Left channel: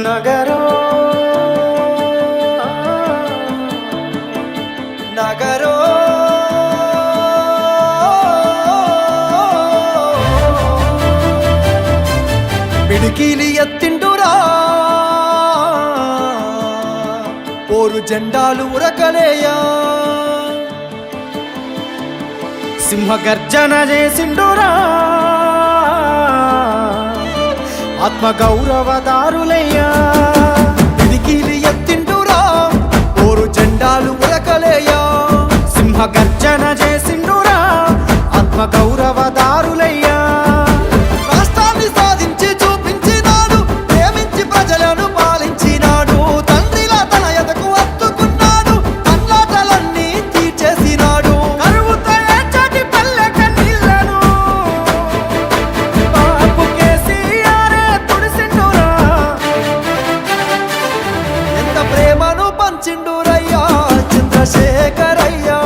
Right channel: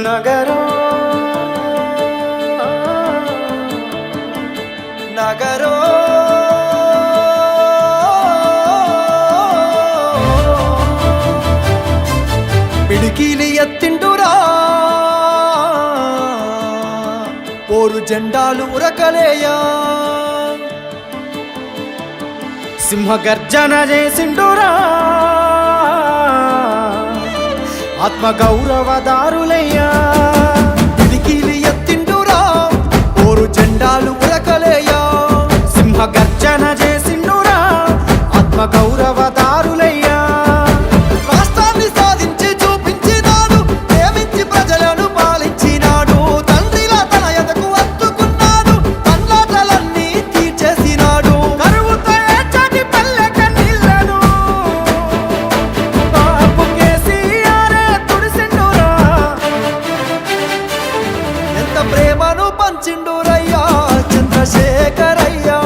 నగరో నగరో పిడికిలి ఎత్తిండురా పోరు జెండాలు ఉరకలేయా సింహగర్జన చేసిండురా ఆత్మగౌరవదారులయ్యా పిడికిలి ఎత్తిండురా పోరు జెండాలు ఉరకలేయా సింహగర్జన చేసిండురా ఆత్మగౌరవదారులయ్యా రాష్ట్రాన్ని సాధించి చూపించినాడు ప్రేమించి ప్రజలను పాలించినాడు తండ్రిలా తన ఎదకు అత్తుకున్నాడు తన్లాటలన్నీ తీర్చేసినాడు కరువుతో ఏడ్చటి పల్లె కన్నీళ్లను బాపు కేసీఆరే తుడిసిండురా ఎంత ప్రేమను పంచిండురయ్యా చంద్రశేఖరయ్యా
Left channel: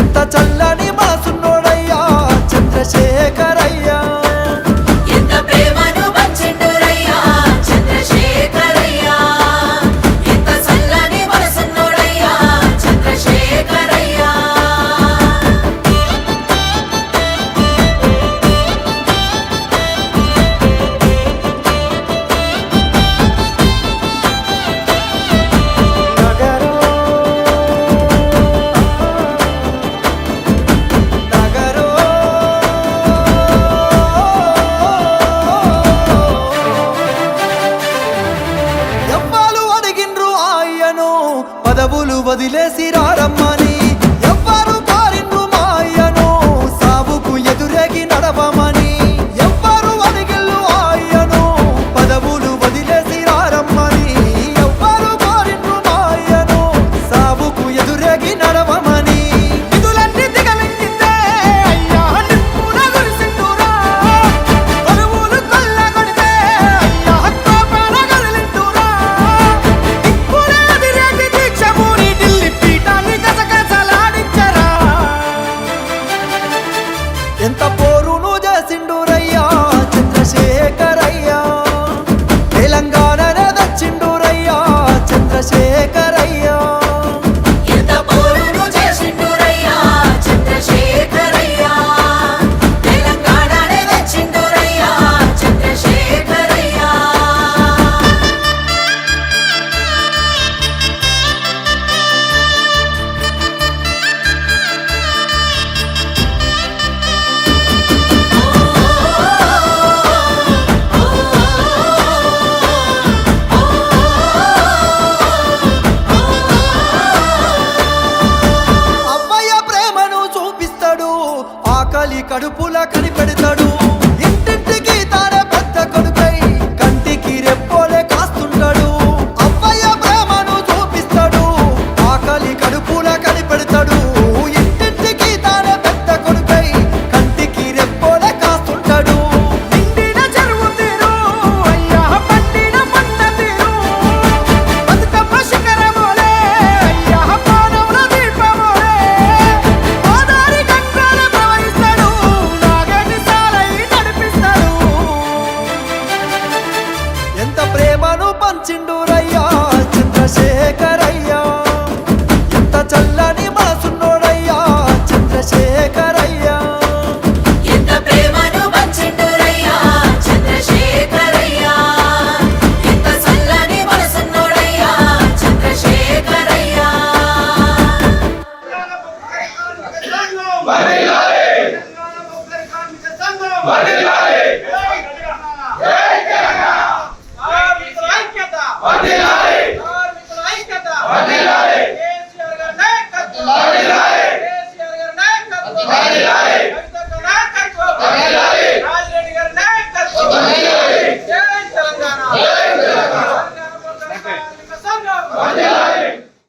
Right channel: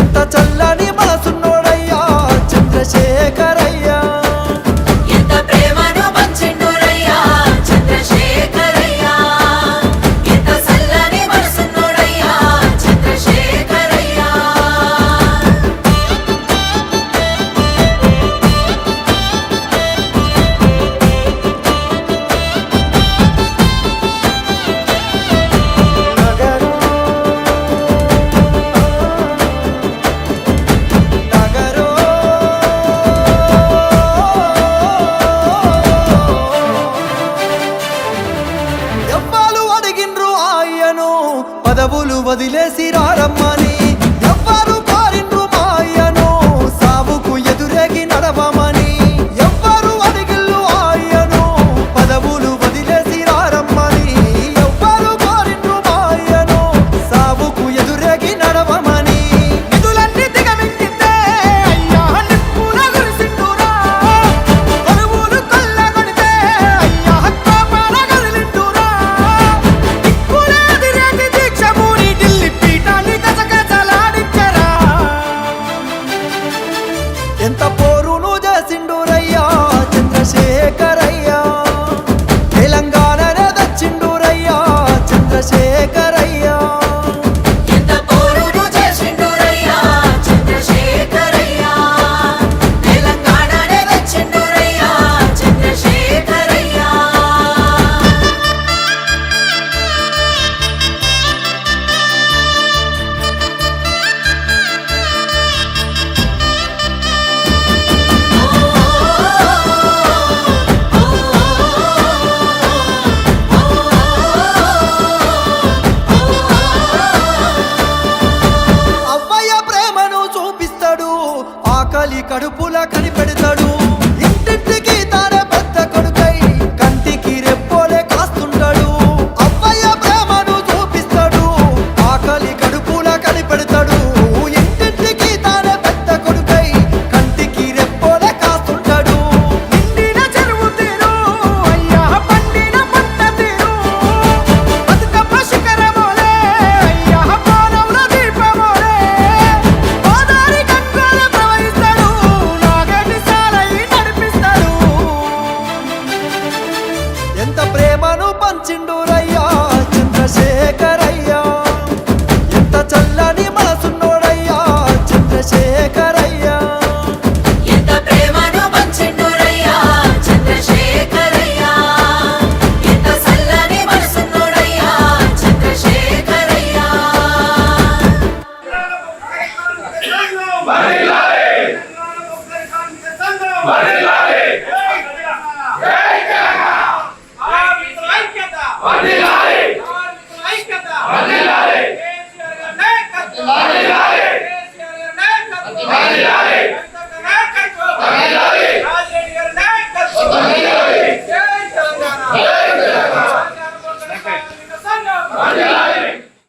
ఎంత చల్లని మనసున్నోడయ్యా చంద్రశేఖరయ్యా పదవులు వదిలేసి రారమ్మని ఎవ్వరు కోరిండ్రు మాయను సావుకు ఎదురేగి నడవమని ఎవ్వరు అడిగిల్లు ఆయను పదవులు వదిలేసి రారమ్మని ఎవ్వరు కోరిండ్రు మాయను సావుకు ఎదురేగి నడవమని నిధులన్నీ దిగమింగిందే అయ్యా నిప్పున గురిసిండురా కొలువులు కొల్లగొడితే అయ్యా కోపాన గదిలిండురా దిక్కులే అదిరేగి దీక్షభూని ఢిల్లీ పీఠాన్ని గజగజలాడించరా ఎంత పోరును చేసిండురయ్యా చంద్రశేఖరయ్యా తెలంగాణనే దచ్చిండురయ్యా చంద్రశేఖరయ్యా ఆకలి కడుపుల కనిపెడతాడు ఇంటింటికి తానే పెద్ద కొడుకై కంటికి రెప్పోలే కాస్తుంటాడు అవ్వయ్య ప్రేమను చూపిస్తాడు ఆకలి కడుపుల కనిపెడతాడు ఇంటింటికి తానే పెద్ద కొడుకై కంటికి రెప్పోలే కాస్తుంటాడు నిండిన చెరువు తీరు అయ్యా పండిన పంట తీరు బతుకమ్మ శిఖరమోలే అయ్యా పానవుల దీపమోలే గోదారి గంగోల ప్రవహిస్తాడు నాగటి సాలై నడిపిస్తాడు ఎంత ప్రేమను పంచిండురయ్యా చంద్రశేఖరయ్యా ఎంత చల్లని మనసున్నోడయ్యా చంద్రశేఖరయ్యా Varela!